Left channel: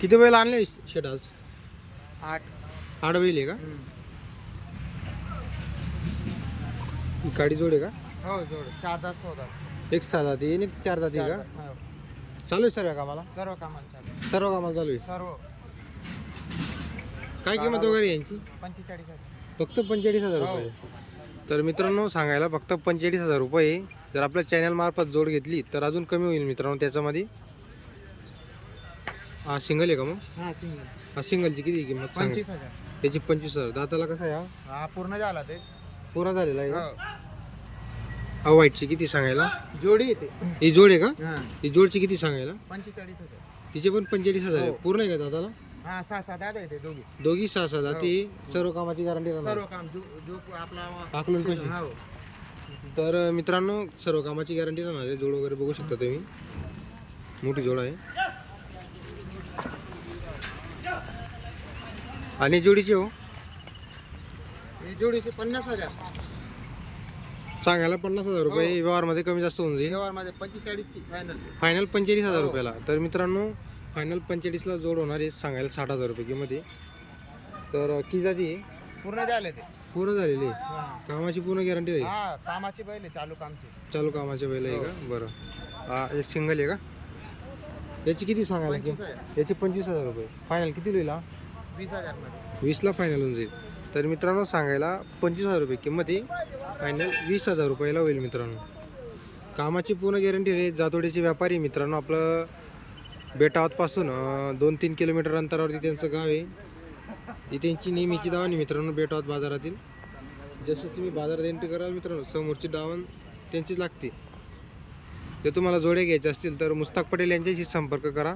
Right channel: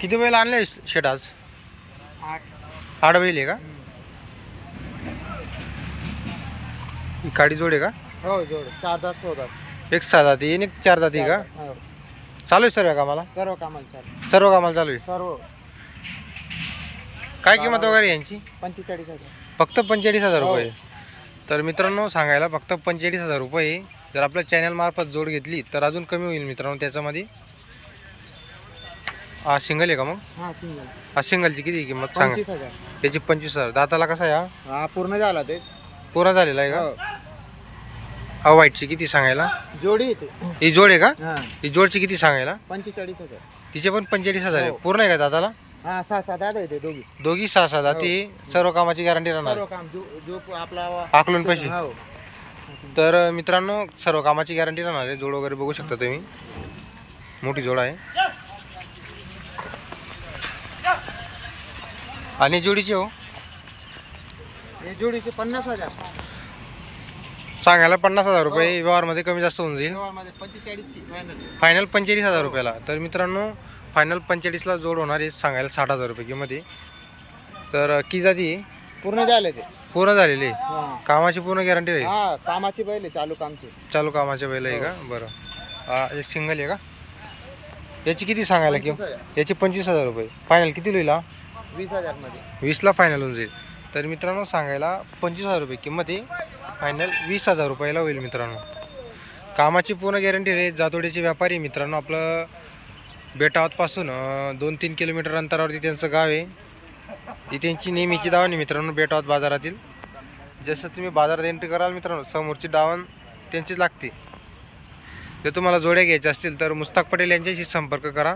किती बैल आणले शेट आज? आठ. आठ बैल आहे का? ही काडी जोड आहे का? हो जोड. चार तास होतात एक सहा जाती आणि एक चार जाती का? हो. चालू आहे सर्व कामाला? सर्व कामाला चालू सर्व कामाला चालू आहे? सर्व. काय किंमत वगैरे यांची? पंचेचाळीस हजार. फक्त पंचेचाळीस हजार हो. रुपये तर मित्रांनो सांगायला फक्त पंचेचाळीस हजार रुपये जर आपल्या चॅनल मार्फत जोड घेतली तर अजून कमी होईल मित्रांनो त्याच्यामध्ये. हा सिंगल आहे का मग? हा सिंगल. हा सिंगलची किती आहे किंमत? सांगा. हजार. त्याची पंचवीस हजार. दाताला कसा आहे हा? हा पूर्ण झाला ते. पूर्ण झालेला आहे का? हो. हा व्हाईटची किती सांगायला? जोडी येते ही जोड आहे का? हा. ही जोडची किती सांगायला? पंचेचाळीस हजार. तिचे पण पंचेचाळीस हजार आहे. हो. पूर्ण आहे का दादाला हा सहा सात येते दोघी. दोघी सहा सहा दाती. सर्व कामाची गॅरंटी राहणार. सर्व काम जो जो आपला आकलून पैसे. हो. तर मित्रांनो सर्व कामाची गॅरंटी राहणार आहे. जोड वगैरे बघू शकता तुम्ही. मोठी जोड आहे. आणि जोडीची हो? हे जोडीचे पन्नास हजार. सांगायला पन्नास हजार रुपये व्यवहारमध्ये कमी जास्त होऊन जाईल. व्यवहारमध्ये पंचेचाळीसची फायनल फायनल पंचेचाळीस हजार रुपयाला. तर मित्रांनो फायनल पंचेचाळीसला जोड होणार आहे सांगायला साठ हजार रुपये किंमत आहे. तर की जाती? पूर्ण झाले ते. पूर्ण झालेली आहे? हा. कामाची पूर्ण गॅरंटी राहील हा कामाची बैल आहे, चालू कामची. चालू कामाच्या वेळेला आहे का? बरं. हा एक सिंगल आहे का? याची किती सांगायला पंचवीस किंमत? हजार. याची पंचवीस हजार रुपये. फायनल किती हा वीस हजार वीसला फायनल होऊन जाईल. तर मित्रांनो सांगायला पंचवीस हजार रुपये किंमत आहे. फायनल वीस हजार रुपयाला होईल मित्रांनो. कामाची पूर्ण गॅरंटी आहे. जातोडीचे व्यापारी मित्रांनो आपलं बेटावतपासून दोन तीन किलोमीटर अंतरावरती त्यांचं गाव आहे. ती त्यांची नेहमीची दावण आहे मित्रांनो बेटावत बाजारातील. जसं तुम्ही बाजारात एंट्री कराल मित्रांनो समोरची दावण त्यांचीच लागते. जर तुम्हाला जोड्या घ्यायच्या असतील तर मुस्ताक पटेल यांच्याशी संपर्क करा.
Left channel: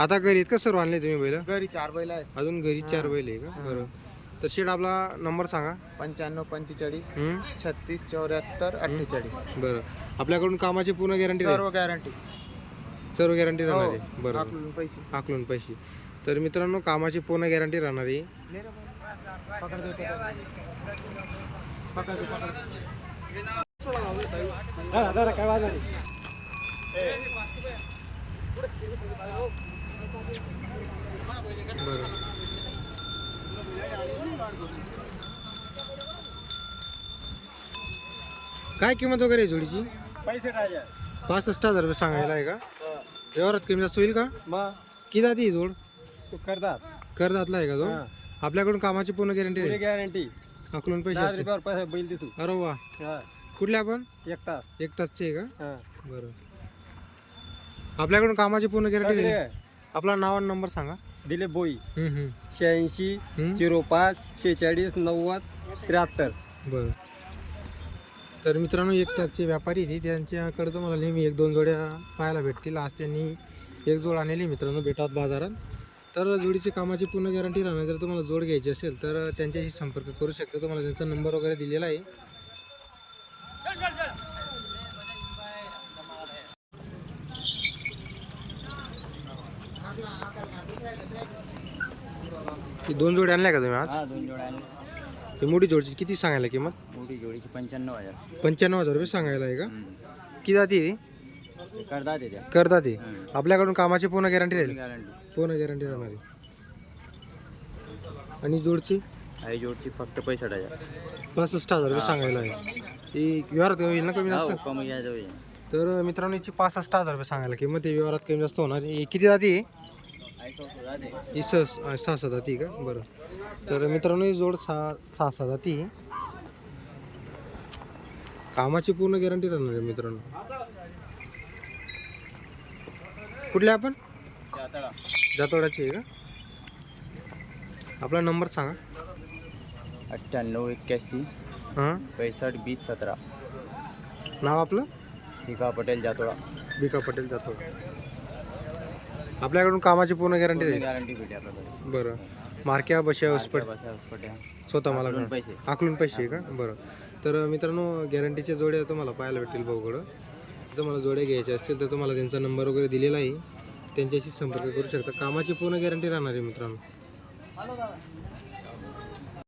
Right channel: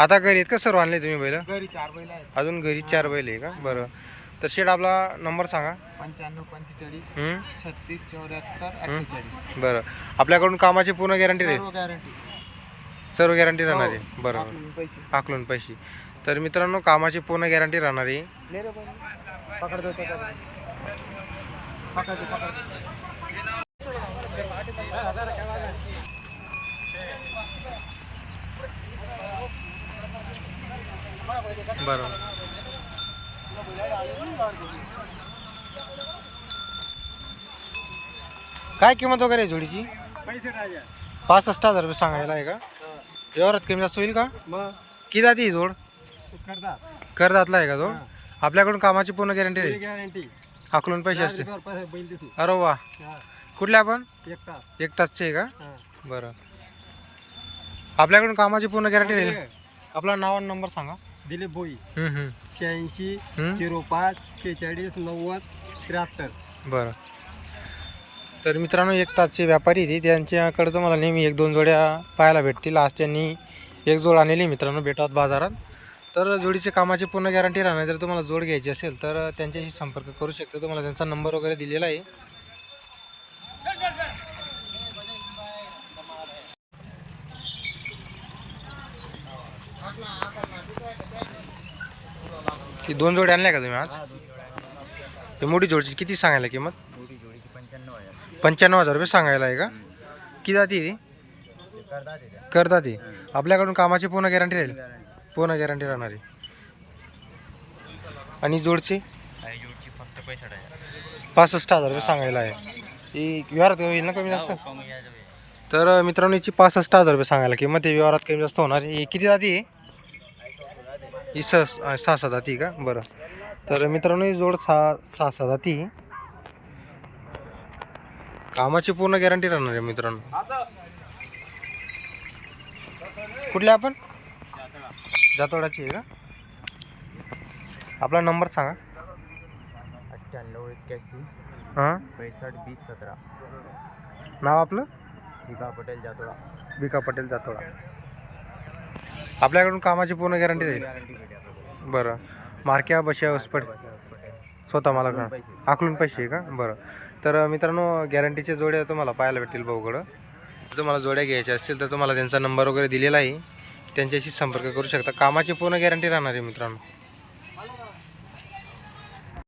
आता घरी आहेत का सर्व आणले तुम्ही बैल? घरी चार बैल आहेत. अजून घरी चार बैल आहे का? बरं. तर शेड आपला नंबर सांगा. पंच्याण्णव पंचेचाळीस हं? छत्तीस चौऱ्याहत्तर अठ्ठेचाळीस. बरं. आपल्याकडून कामाची पूर्ण गॅरंटी राहील? सर्व गॅरंटी सर्व गॅरंटी राहणार आहे? बरं. पैसे. आकलून पैसे. तर मित्रांनो कामाची पूर्ण गॅरंटी राहणार आहे. ले रे बाबा. पकड दो, पकड. पकड दो, पकड दो. हा, जरा काय नाही. बरं काय किंमत वगैरे आहे जोडीची? पैसे काय आहे? पासष्ट हजार रुपये सांगायला आहे का? व्यवहारात कमी जास्त होईल का? मग? किती जाती ही जोड? करतात. करदातला आहे का तो? आपल्याकडून कामाची पूर्ण गॅरंटी राहील गॅरंटी. आकलून पैसे असते पैसे बैल दिसू. अरे वा. कुठले आपण? एक तास. एक तासचे आहे का? हा. बरं. आपल्याकडून कामाची पूर्ण गॅरंटी राहील. आपला नाव आणि नंबर सांगा. दिलीप बोई हम्म, हम्म, शहाऐंशी हम्म. झिरो पाच शेहेचाळीस नव्वद त्र्याहत्तर. बरं. तर मित्रांनो एक तासचे व्यापारी ते त्यांच्याकडे तुम्हाला नेहमी एक दोन जोड्या पाहायला भेटतील. आज त्यांनी एक जोड आणलेली मित्रांनो भेटावत बाजारात. तर जोडीचे कामाची पूर्ण गॅरंटी राहणार. जर तुम्हाला जोड घ्यायची असेल तर त्यांच्याशी संपर्क करू शकता. तुम्हाला त्यांचा नंबर वगैरे दिलेला आहे. ही दोन जोड्या आणल्या का तुम्ही आज? हा दोन जोड्या आणल्या. ही मोठी जोडची किती सांगायला किंमत? मोठी जोडीची पंच्याण्णव हजार. पंच्याण्णव हजार रुपये सांगायला आहे का? किती जाती ती? करतात ती. आपल्याकडून कामाची पूर्ण गॅरंटी राहील? गॅरंटी पूर्ण गॅरंटी राहणार आहे. आणि जोडची? आई जोडची फक्त पैसा हजार. पासष्ट हजार रुपये सांगायला आहे. ती व्यवहारात होईल ना कमी जास्त? कमी जास्त तर मित्रांनो याची पासष्ट हजार रुपये सांगायला किंमत ते व्यवहारात कमी जास्त होणार आहे. ही किती जाती आहे? ही स सहा सहा जाती का? बरं. तर मित्रांनो ही जोड सहा सहा जाती आहे. कामाची पूर्ण गॅरंटी राहणार आहे मित्रांनो. कुठले आपण? जातोडाची आहे का? आपला नंबर सांगा. अठ्ठ्याण्णव एक्क्याऐंशी हां? पैसष्ट वीस सतरा. नाव आपलं? हिका पटेल जातोळा बिका पटेल जातोडा. आपल्याकडून कामाची पूर्ण गॅरंटी राहील गॅरंटी भेटे आपल्याला. बरं. मार्क्या बशा उसपट. स्वतः मला का? पैसे. आकलून पैसे आहे का? बरं. तर मित्रांनो गॅरंटीच्या जोड्या तुम्हाला पाहायला भेटतील भाऊकडं तुम्हाला जोड्या घ्यायच्या असतील तर तुम्हाला त्यांचा नंबर वगैरे दिलेला आहे. त्यांच्याशी संपर्क करू शकता. कामाची पूर्ण गॅरंटी राहणार आहे मित्रांनो.